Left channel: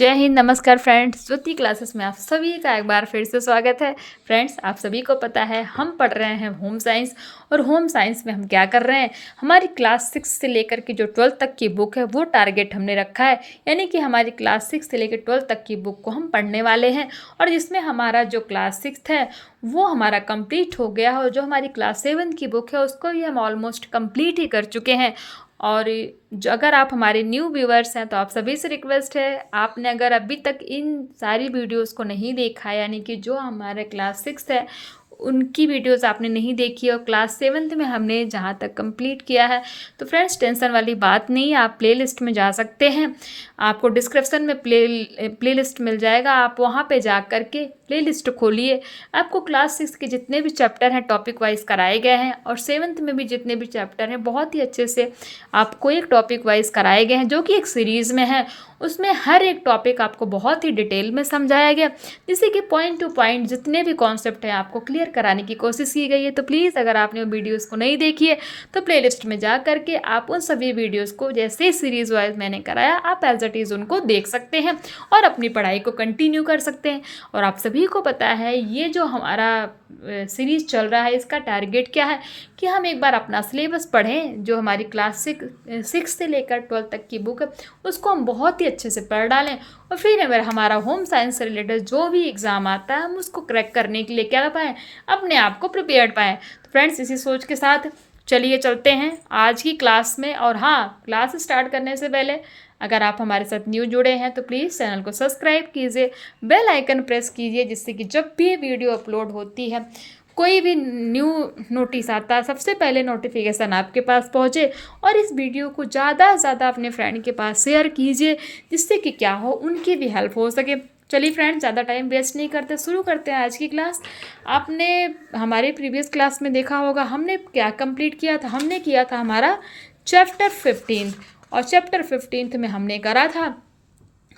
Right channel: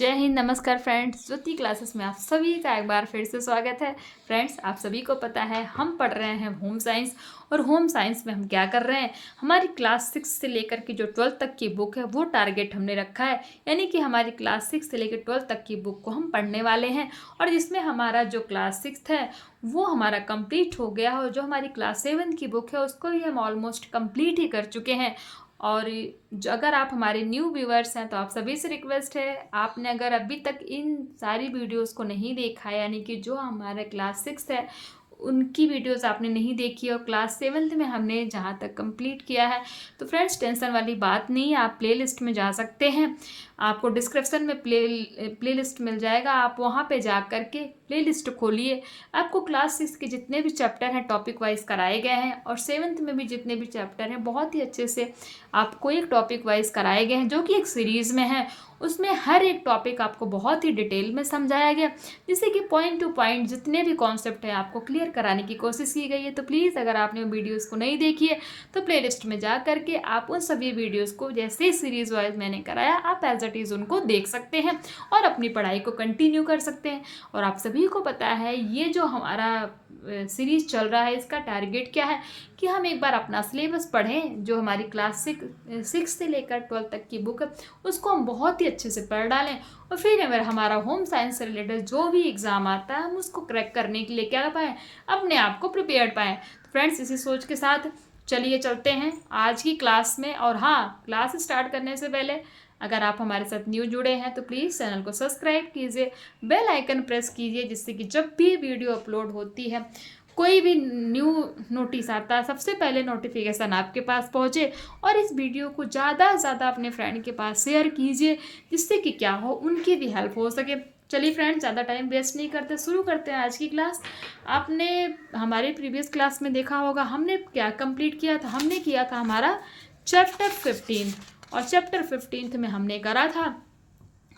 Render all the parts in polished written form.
जय हिंद, नमस्कार फ्रेंड्स। ज्योति क्लासेस में आप सभी का एक बार फिर से स्वागत है। फ्रेंड्स, आप सभी को पता है हम पढ़ रहे हैं होम साइंस, और होम साइंस में हम क्या कर रहे हैं, हमारी क्लास 6 से लेकर के जो 12th तक की बुक है वो टारगेट हमने रखा है। यानी कि हमारी क्लास 6 से लेकर 12th तक की बुक को हम पढ़ने वाले हैं, और जिसमें हमारा जो क्लास 6 है वो हमारा कंप्लीट हो गया है, और जो हमारी क्लास 7 की बुक है उसको भी हम ऑलमोस्ट कंप्लीट ही कर चुके हैं। और जो अगर आप हमारे न्यू व्यूअर्स हैं तो आप सभी से रिक्वेस्ट है, आपने अगर अभी तक इन सारी वीडियोस को नहीं देखा है, यानी कि जो हमारे क्लास 6 है उनकी वीडियोस आपने नहीं देखी और क्लास 7th में हमने जहाँ तक कंप्लीट किया है, तो फ्रेंड्स टेंशन वाली बात नहीं है, आप प्लेलिस्ट में जा सकते हैं। आपको डिस्क्रिप्शन में प्लेलिस्ट मिल जाएगा, आप वहाँ पे जा कर के प्लेलिस्ट खोलिए। आपको क्लास 6 के जितने भी चैप्टर हैं टॉपिक वाइज कराए गए हैं, और 7th में भी जितने भी चैप्टर हैं बहुत ही अच्छे से आपको एक टॉपिक वाइज कराए गए हैं, जो कि एक सीरीज़ में है। उसमें हर एक टॉपिक आपको बहुत ही डिटेल में समझाया गया, जिससे कि पॉइंट टू पॉइंट जितने भी कॉन्सेप्ट हैं आपको क्लियर कराने की कोशिश की गई है। तो प्लीज़ अगर आपने वो वीडियोस को नहीं देखी है तो प्लेलिस्ट में जा करके आप उन सभी वीडियोस को जैसे सीरीज़ वाइज मैंने कराया आप एज इट इज़ उनको देख सकते हैं और अपनी पढ़ाई को कंटिन्यू कर सकते हैं। और आप सभी को पता है ये जो हमारा सीरीज़ चल रहा है इसका टारगेट क्या है कि हम एक बार अपना सिलेबस पढ़ें। जो हमारी क्लास 6 से लेकर 12th तक की बुक है उसको हम बहुत ही अच्छे से पढ़ डालें, और फिर अगर हमारा होम साइंस से रिलेटेड जो भी एग्ज़ाम आता है हम उसको क्रैक करने के लिए क्या पाएँ, अपने आप को प्रिपेयर्ड पाएँ। तो फ्रेंड्स, इसी सोच के साथ चलिए चलते हैं आज की क्लास में। और हाँ, क्लास स्टार्ट करने से पहले अगर आप हमारे साथ न्यू जुड़े हैं तो प्लीज़ चैनल को सब्सक्राइब कीजिए, बेल आइकन प्रेस कीजिए, जिससे कि जब भी वीडियो अपलोड होती है, कोई भी न्यू नोटिस आता है, सबसे पहले नोटिफिकेशन आपके पास पहुंचे। और इस वीडियो को ज़्यादा से ज़्यादा अपने फ्रेंड के पास शेयर कीजिए, जिससे कि क्या हो, उनकी भी हेल्प हो सके। चलिए फ्रेंड्स, ज़्यादा टाइम वेस्ट नहीं करते, शुरू करते हैं आज की क्लास। आपने हमारे प्रीवियस क्लास में देखा होगा हमने क्या कंप्लीट किया था। हमने किया था हमारा चैप्टर 15, और चैप्टर 15 में हमने करा था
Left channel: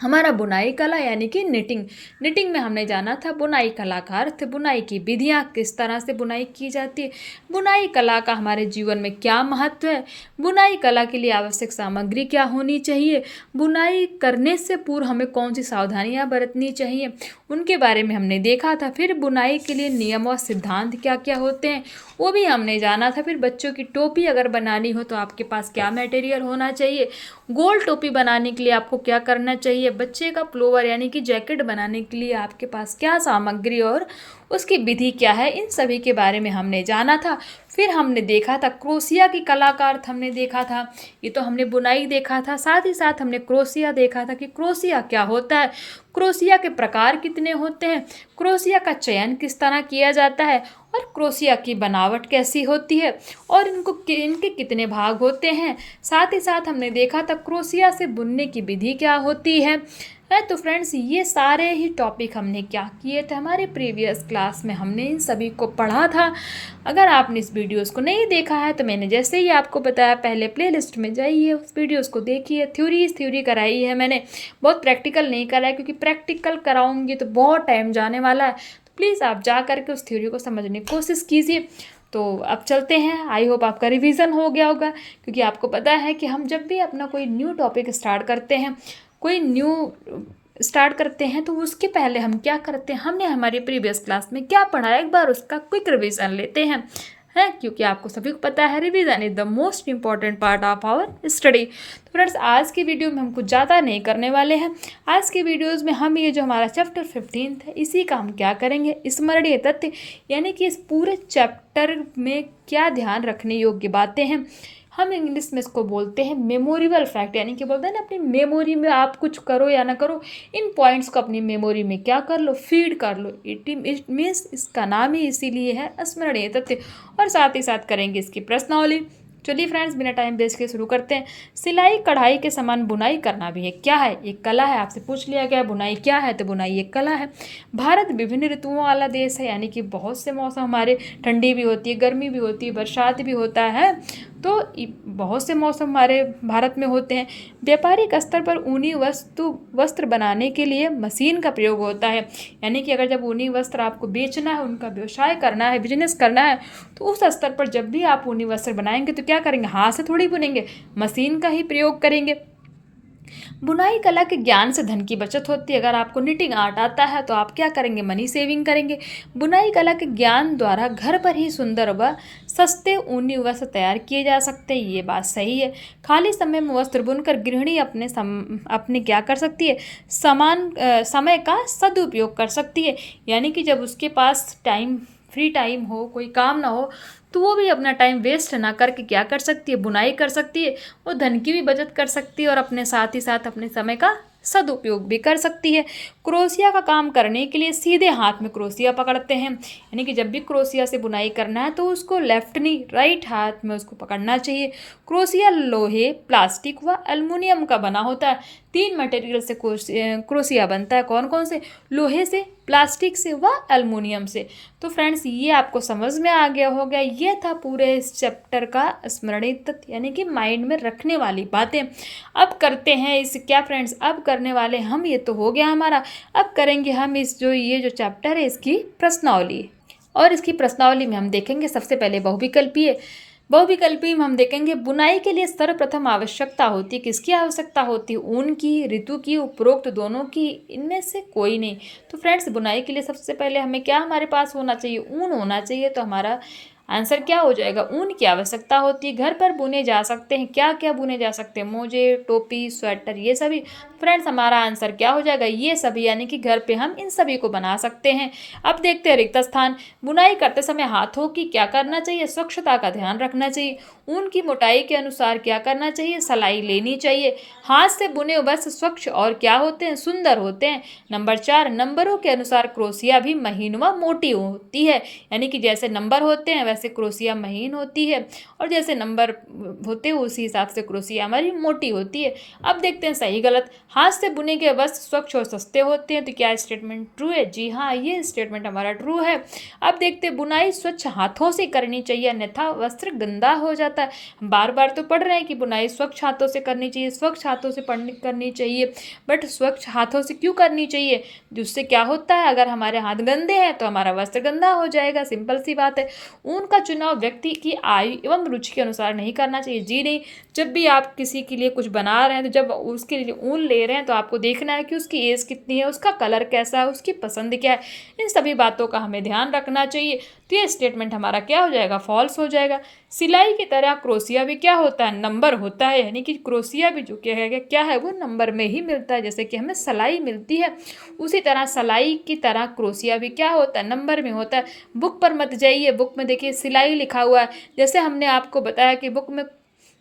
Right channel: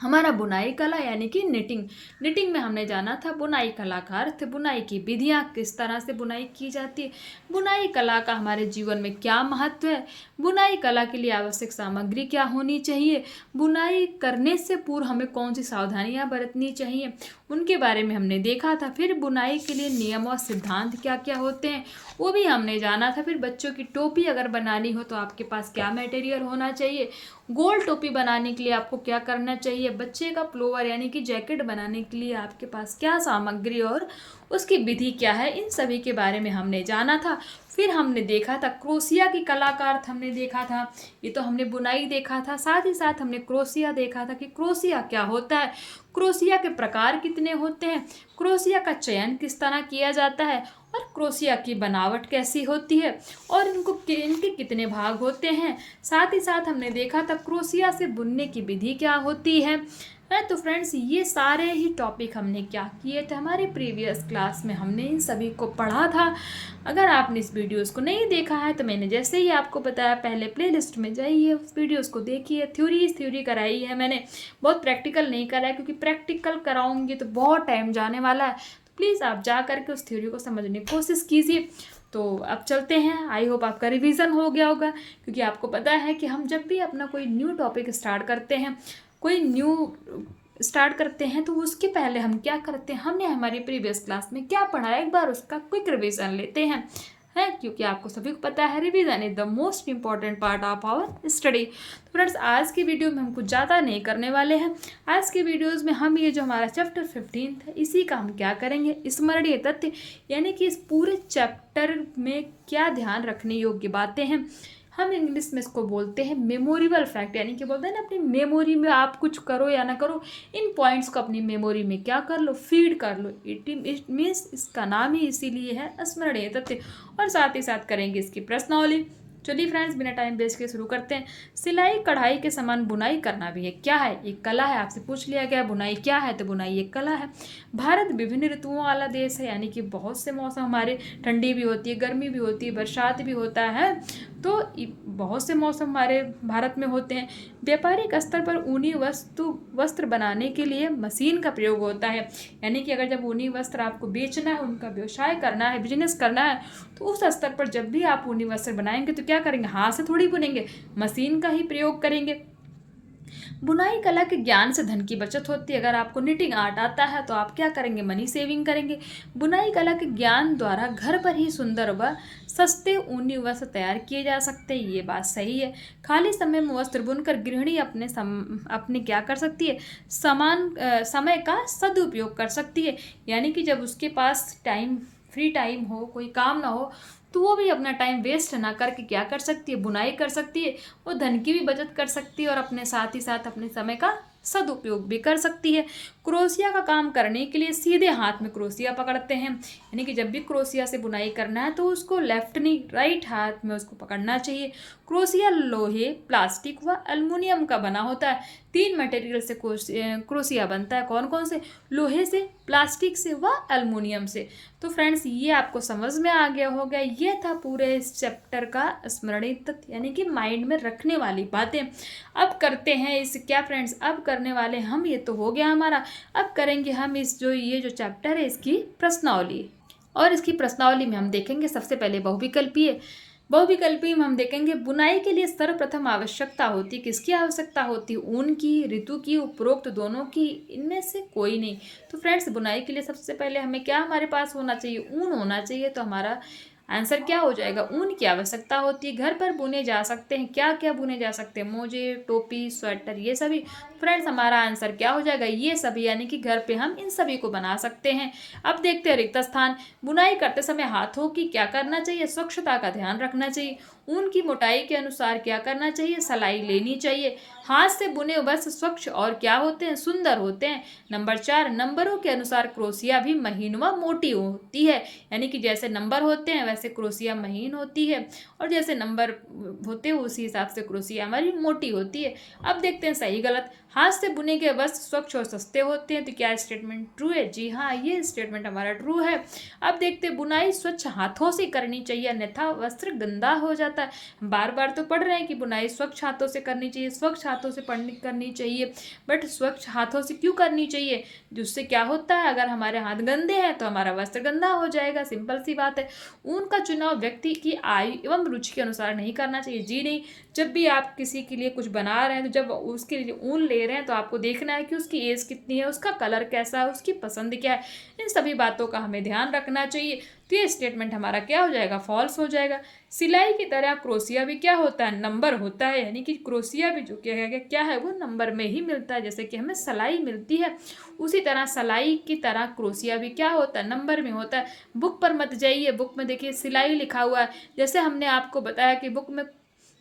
हमारा बुनाई कला, यानी कि निटिंग में हमने जाना था बुनाई कला का अर्थ, बुनाई की विधियाँ, किस तरह से बुनाई की जाती है, बुनाई कला का हमारे जीवन में क्या महत्व है, बुनाई कला के लिए आवश्यक सामग्री क्या होनी चाहिए, बुनाई करने से पूर्व हमें कौन सी सावधानियाँ बरतनी चाहिए, उनके बारे में हमने देखा था। फिर बुनाई के लिए नियम और सिद्धांत क्या क्या होते हैं वो भी हमने जाना था। फिर बच्चों की टोपी अगर बनानी हो तो आपके पास क्या मटेरियल होना चाहिए, गोल टोपी बनाने के लिए आपको क्या करना चाहिए, बच्चे का प्लोवर यानी कि जैकेट बनाने के लिए आपके पास क्या सामग्री और उसकी विधि क्या है, इन सभी के बारे में हमने जाना था। फिर हमने देखा था क्रोशिया की कलाकार हमने देखा था। ये तो हमने बुनाई देखा था, साथ ही साथ हमने क्रोशिया देखा था कि क्रोशिया क्या होता है, क्रोशिया के प्रकार कितने होते हैं, क्रोशिया का चयन किस तरह किया जाता है, और क्रोशिया की बनावट कैसी होती है, और इनके कितने भाग होते हैं। साथ ही साथ हमने देखा था क्रोशिया से बुनने की विधि क्या होती है। तो फ्रेंड्स, ये सारे ही टॉपिक हमने क्या किए थे हमारे प्रीवियस क्लास में, हमने इन सभी को पढ़ा था। अगर आपने इस वीडियोस को नहीं देखा है तो मैंने जैसे ही आपको बताया, पहले प्लेलिस्ट में जाइए, उस वीडियोस को देखिए। थ्योरी कराई है मैंने, बहुत प्रैक्टिकल नहीं कराया, क्योंकि प्रैक्टिकल कराऊंगी तो बहुत टाइम जाने वाला है। तो प्लीज़ आप जा करके उस थ्योरी को समझने की कोशिश कीजिए। तो अब चलते हैं, आई होप आपका रिवीजन हो गया होगा, क्योंकि आपको पता है कि हम जब भी अपना कोई न्यू टॉपिक स्टार्ट करते हैं, कोई न्यू स्टार्ट करते हैं, तो उसके पहले हम क्या करते हैं, हमने हमारी प्रीवियस क्लास में क्या पढ़ा है एक बार उसका क्विक रिवीजन लेते हैं, क्योंकि आपको सभी को पता है revision is the most important part of our study. तो फ्रेंड्स, आज की वीडियो में हम कुछ ज़्यादा नहीं करने वाले हैं। आज की वीडियोस में हम ये जो हमारा चैप्टर 15 है इसी का हम क्या करेंगे, स्मरणीय तथ्य, यानी कि इस पूरे चैप्टर में क्या ध्यान रखने योग्य बातें हैं। हम इंग्लिश में इसको बोलते हैं मेमोरेबल फैक्ट, यानी कि बोलते हैं ना अपनी मेमोरी में आप कुछ करो या ना करो, इन पॉइंट्स को अपनी मेमोरी में क्या कर लो, फीड कर लो। इट मीन्स इसका नाम ही इसीलिए है स्मरणीय तथ्य, और साथ ही साथ करेंगे इसकी प्रश्नावली। चलिए फ्रेंड्स, बिना टाइम वेस्ट के शुरू करते हैं। सिलाई कढ़ाई के समान बुनाई करना भी एक क्या है, एक कला है। आपसे पूछ लिया गया बुनाई क्या है, तो बुनाई एक कला है। भारत विभिन्न ऋतुओं वाला देश है, यानी कि बहुत से मौसम हमारे, ठंडी भी होती है, गर्मी भी होती है, बरसात भी होता है, तो बहुत से मौसम हमारे भारत में होते हैं। व्यापारिक स्तर पर ऊनी वस्त्र बनाने के लिए मशीन का प्रयोग होता है, यानी कि अगर जब ऊनी वस्त्र आपको बेचना है, उनका व्यवसाय करना है, बिजनेस करना है, तो उस स्तर पर जब भी आप ऊनी वस्त्र बनाएंगे तो क्या करेंगे, हाथ से थोड़ी बुनेंगे, मशीन का ही प्रयोग करेंगे। बुनाई कला के ज्ञान से धन की बचत होती है। अगर आपको निटिंग आर्ट आता है तो आप क्या करेंगे, मनी सेविंग करेंगे। बुनाई कला के ज्ञान द्वारा घर पर ही सुंदर व सस्ते ऊनी वस्त्र तैयार किए जा सकते हैं, ये बात सही है। खाली समय में वस्त्र बुनकर गृहिणी अपने क्या कर सकती है, समय का सदुपयोग कर सकती है। यानी कि जब उसके पास फ्री टाइम हो, कोई काम ना हो, तो वो भी अपना टाइम वेस्ट ना करके क्या कर सकती है, बुनाई कर सकती है। वो धन की भी बचत कर सकती है और अपने साथ ही साथ अपने समय का सदुपयोग भी कर सकती है। क्रोशिया का काम करने के लिए सीधे हाथ में क्रोशिया पकड़ते हैं। यानी कि जब भी क्रोशिया से बुनाई करना है तो उसको लेफ्ट नहीं, राइट हाथ में उसको पकड़ना चाहिए। क्रोशिया लोहे, प्लास्टिक व एल्युमिनियम का बना होता है। 3 मटेरियल से क्रोशिया बनता है। कौन कौन से? लोहे से, प्लास्टिक से व एल्युमिनियम से। तो फ्रेंड्स, ये आपको समझ में आ गया होगा। ये था पूरे इस चैप्टर का स्मरणीय तथ्य, यानी कि माइंड में रखने वाली बातें। अब करते हैं इस क्या फ्रेंड्स, अब करने वाले हम, ये तो हो गया हमारा। अब करेंगे हम ये जो चैप्टर है इसकी प्रश्नावली। और इसकी प्रश्नावली में हम देखेंगे सबसे पहले बहुविकल्पी में हम देखेंगे बुनाई के लिए सर्वप्रथम आवश्यकता होती है। किसकी आवश्यकता होती है? ऊन की, ऋतु की, उपरोक्त दोनों की, इनमें से कोई नहीं। तो फ्रेंड्स, बुनाई के लिए सबसे पहले हमें क्या हमारे पास होना चाहिए? ऊन होना चाहिए। तो हमारा आंसर क्या हो जाएगा? ऊन की आवश्यकता होती है। घर पर बुने जा सकते हैं, क्या क्या बुने जा सकते हैं? मोजे, टोपी, स्वेटर, ये सभी। फ्रेंड्स, हमारा आंसर क्या हो जाएगा? ये सभी, यानी कि घर पे हम इन सभी को बना सकते हैं। अब देखते हैं रिक्त स्थान। बुनाई करते समय हाथों की क्या करना चाहिए? स्वच्छता का ध्यान रखना चाहिए। ऊन की मोटाई के अनुसार क्या करना चाहिए? सिलाई लेनी चाहिए। हाथ से बुने वस्त्र स्वच्छ और क्या होते हैं? सुंदर होते हैं। नंबर 4, नंबरों के अनुसार क्रोशिया भी महीन व मोटी होती है। यानी कि जैसे नंबर होते हैं वैसे क्रोशिया महीन होती है, और जैसे नंबर होते हैं उसी हिसाब से क्रोशिया हमारी मोटी होती है। अब देखते हैं सही गलत। हाथ से बुने गए वस्त्र स्वच्छ और सस्ते होते हैं। तो क्या स्टेटमेंट ट्रू है? जी हाँ, ये स्टेटमेंट हमारा ट्रू है। अब देखते हैं बुनाई स्वच्छ हाथों से करनी चाहिए, अन्यथा वस्त्र गंदा हो जाता है। हम बार बार तो पढ़ रहे हैं कि बुनाई स्वच्छ हाथों से करनी चाहिए, स्वच्छ हाथों से करनी चाहिए, बट स्वच्छ हाथों से क्यों करनी चाहिए? जिससे क्या होता है, अगर हमारे हाथ गंदे हैं तो हमारा वस्त्र गंदा हो जाएगा, सिंपल सी बात है। ऊन का चुनाव व्यक्ति की आयु एवं रुचि के अनुसार नहीं करना चाहिए। जी नहीं, जब भी आप किसी के लिए कुछ बना रहे हैं तो जब उसके लिए ऊन ले रहे हैं तो आपको देखना है कि उसकी एज कितनी है, उसका कलर कैसा है, उसकी पसंद क्या है। इन सभी बातों का हमें ध्यान रखना चाहिए। तो ये स्टेटमेंट हमारा क्या हो जाएगा? फॉल्स हो जाएगा। सिलाई की तरह क्रोशिया भी क्या होता है? नंबर होता है। यानी कि क्रोशिया भी जो क्या है वो नंबर में ही मिलता है। जैसे कि हमें सिलाई मिलती है, उसी तरह सिलाई की तरह क्रोशिया भी क्या होता है? नंबर में होता है। बुक पर मत जाइए, बुक में देखिए सिलाई लिखा हुआ है। जैसे हमने आपको बताया कि बुक में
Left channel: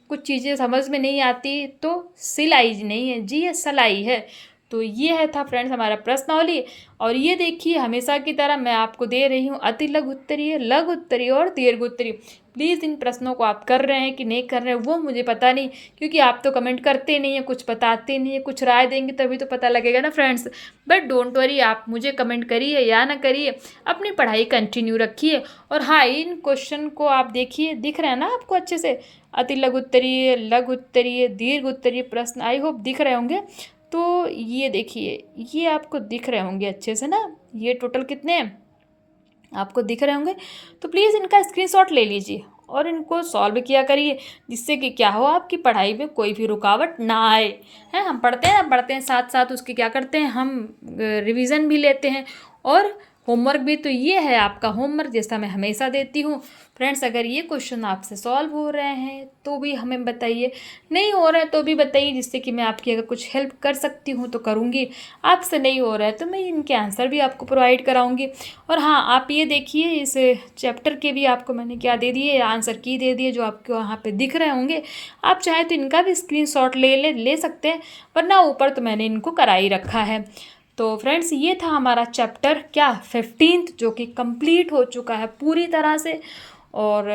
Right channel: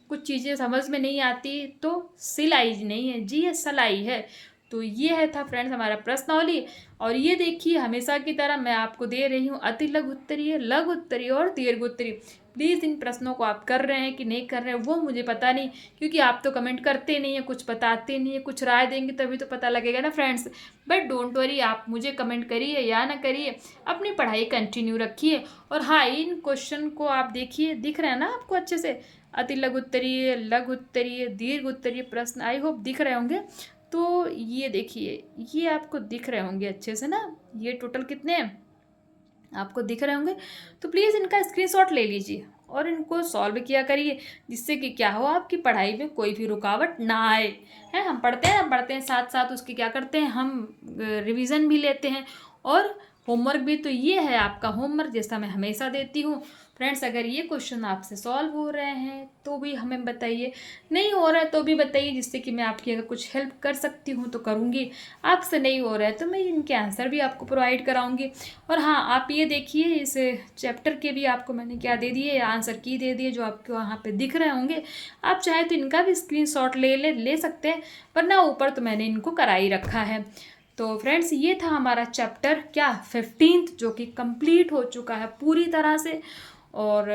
कुछ चीज़ें समझ में नहीं आती तो सिलाई नहीं है जी, ये सिलाई है। तो ये है था फ्रेंड्स हमारा प्रश्नावली। और ये देखिए, हमेशा की तरह मैं आपको दे रही हूँ अति लघु उत्तरीय, लघु उत्तरीय और दीर्घ उत्तरीय। प्लीज़ इन प्रश्नों को आप कर रहे हैं कि नहीं कर रहे हैं वो मुझे पता नहीं, क्योंकि आप तो कमेंट करते नहीं हैं, कुछ बताते नहीं हैं, कुछ राय देंगे तभी तो पता लगेगा ना फ्रेंड्स। बट डोंट वरी, आप मुझे कमेंट करिए या ना करिए, अपनी पढ़ाई कंटिन्यू रखिए। और हाँ, इन क्वेश्चन को आप देखिए, दिख रहे हैं ना आपको अच्छे से? अति लघु उत्तरीय, लघु उत्तरीय, दीर्घ उत्तरीय प्रश्न आई होप दिख रहे होंगे। तो ये देखिए, ये आपको दिख रहे होंगे अच्छे से ना, ये टोटल कितने हैं आपको दिख रहे होंगे। तो प्लीज़ इनका स्क्रीनशॉट ले लीजिए और इनको सॉल्व किया करिए, जिससे कि क्या हो, आपकी पढ़ाई में कोई भी रुकावट ना आए। हैं, हम पढ़ते हैं साथ साथ उसके क्या करते हैं, हम रिवीजन भी लेते हैं और होमवर्क भी। तो ये है आपका होमवर्क, जैसा मैं हमेशा देती हूँ। फ्रेंड्स, अगर ये क्वेश्चन आपसे सॉल्व हो रहे हैं तो भी हमें बताइए, नहीं हो रहे हैं तो भी बताइए, जिससे कि मैं आपकी अगर कुछ हेल्प कर सकती हूँ तो करूँगी। आपसे नहीं हो रहा है तो मैं इनके आंसर भी आपको प्रोवाइड कराऊँगी। और हाँ, आप ये देखिए, इस चैप्टर के भी आपको मैंने क्या दे दिए, आंसर की दे दिए, जो आपको वहाँ पे दिख रहे होंगे। आप चाहें तो इनका भी स्क्रीनशॉट ले सकते हैं, वरना ऊपर तो मैंने इनको करा ही रखा है। तो फ्रेंड्स, ये था हमारा चैप्टर क्या 15th, जो कि कंप्लीट हो चुका है पूरी तरह से। और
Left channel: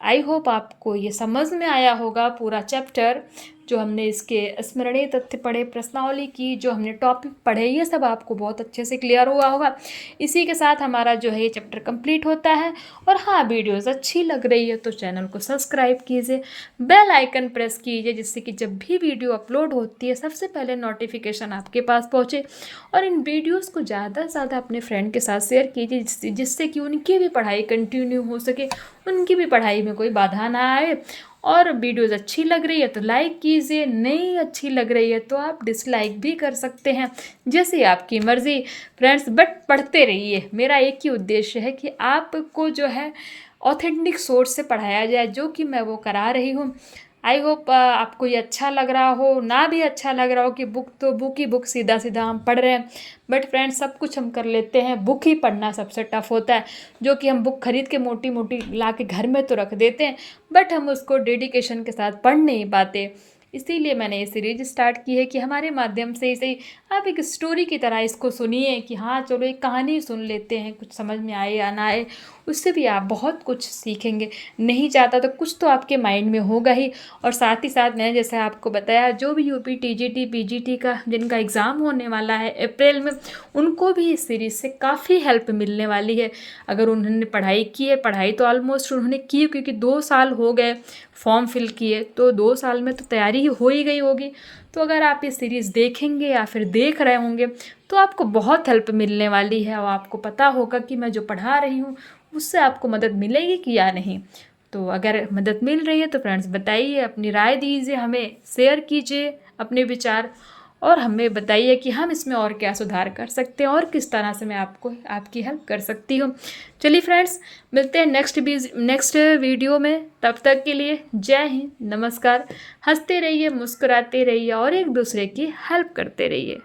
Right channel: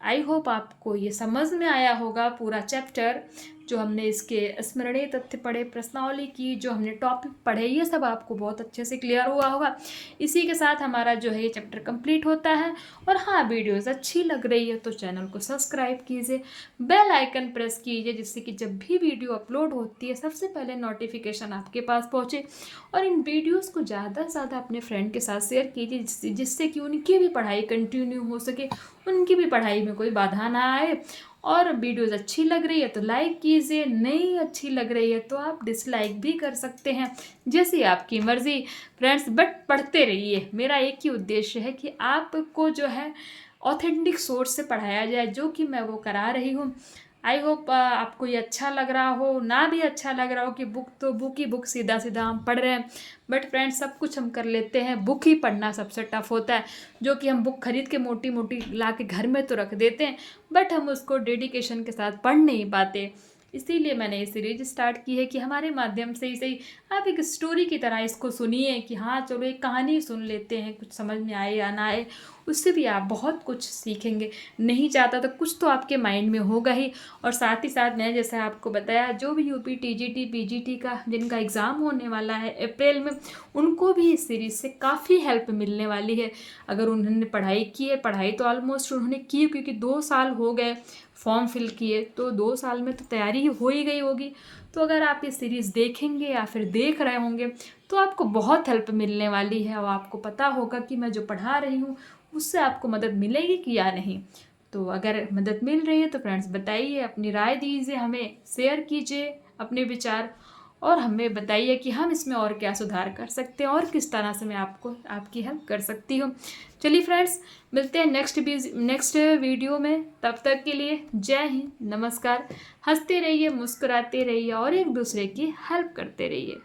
आई होप आपको ये समझ में आया होगा पूरा चैप्टर, जो हमने इसके स्मरणीय तथ्य पढ़े, प्रश्नावली की, जो हमने टॉपिक पढ़े, ये सब आपको बहुत अच्छे से क्लियर हुआ होगा। इसी के साथ हमारा जो है ये चैप्टर कंप्लीट होता है। और हाँ, वीडियोस अच्छी लग रही है तो चैनल को सब्सक्राइब कीजिए, बेल आइकन प्रेस कीजिए, जिससे कि जब भी वीडियो अपलोड होती है सबसे पहले नोटिफिकेशन आपके पास पहुँचे। और इन वीडियोज़ को ज़्यादा से ज़्यादा अपने फ्रेंड के साथ शेयर कीजिए, जिससे कि उनकी भी पढ़ाई कंटिन्यू हो सके, उनकी भी पढ़ाई में कोई बाधा ना आए। और वीडियोज़ अच्छी लग रही है तो लाइक कीजिए, नहीं अच्छी लग रही है तो आप डिसलाइक भी कर सकते हैं, जैसे आपकी मर्ज़ी फ्रेंड्स। बट पढ़ते रहिए, मेरा एक ही उद्देश्य है कि आपको जो है ऑथेंटिक सोर्स से पढ़ाया जाए, जो कि मैं वो करा रही हूँ। आई होप आपको ये अच्छा लग रहा हो, ना भी अच्छा लग रहा हो कि बुक तो बुक ही बुक सीधा सीधा हम पढ़ रहे हैं। बट फ्रेंड्स सब कुछ हम कर लेते हैं, बुक ही पढ़ना सबसे टफ होता है, जो कि हम बुक खरीद के मोटी मोटी ला के घर में तो रख देते हैं, बट हम उसको डेडिकेशन के साथ पढ़ नहीं पाते। इसीलिए मैंने ये सीरीज स्टार्ट की है कि हमारे माध्यम से इसे आप एक स्टोरी की तरह इसको सुनिए कि हाँ चलो एक कहानी सुन लेते हैं, कुछ समझ में आए या ना आए, उससे भी आप बहुत कुछ सीखेंगे। नहीं चाहता तो कुछ तो आपके माइंड में होगा ही। और साथ ही साथ मैंने जैसे आपको बताया, जो भी यूपी टीजीटी पीजीटी का जिनका एग्ज़ाम होने वाला है अप्रैल में, उनको भी इस सीरीज़ से काफ़ी हेल्प मिलने वाली है। अगर उन्होंने पढ़ाई की है, पढ़ाई तो ऑलमोस्ट उन्होंने की, क्योंकि 2 साल हो गए फॉर्म फिल किए, तो 2 साल में तो तैयारी हो ही गई होगी। तो अगर आप ये सीरीज़ देखेंगे या फिर देख रहे होंगे तो आपको बहुत हेल्प मिलने वाली है, और आपको पता होगा कि मैं जो पढ़ा रही हूँ उससे आपको मदद मिलेगी कि या नहीं। तो अगर मदद मिल रही है तो फ्रेंड्स बताइए, अपनी राय दीजिए, हमें शेयर कीजिए अपने विचार, और हमें बताइए कि हम इसमें और क्या सुधार कर सकते हैं और किस तरह से मैं आपको आपकी हेल्प कर सकती हूँ। चलिए फ्रेंड्स, मिलते हैं नेक्स्ट वीडियो में। तब तक के लिए जय हिंद, नमस्कार। हंसते रहिए, मुस्कुराते रहिए और एक दूसरे की हेल्प करते रहिए।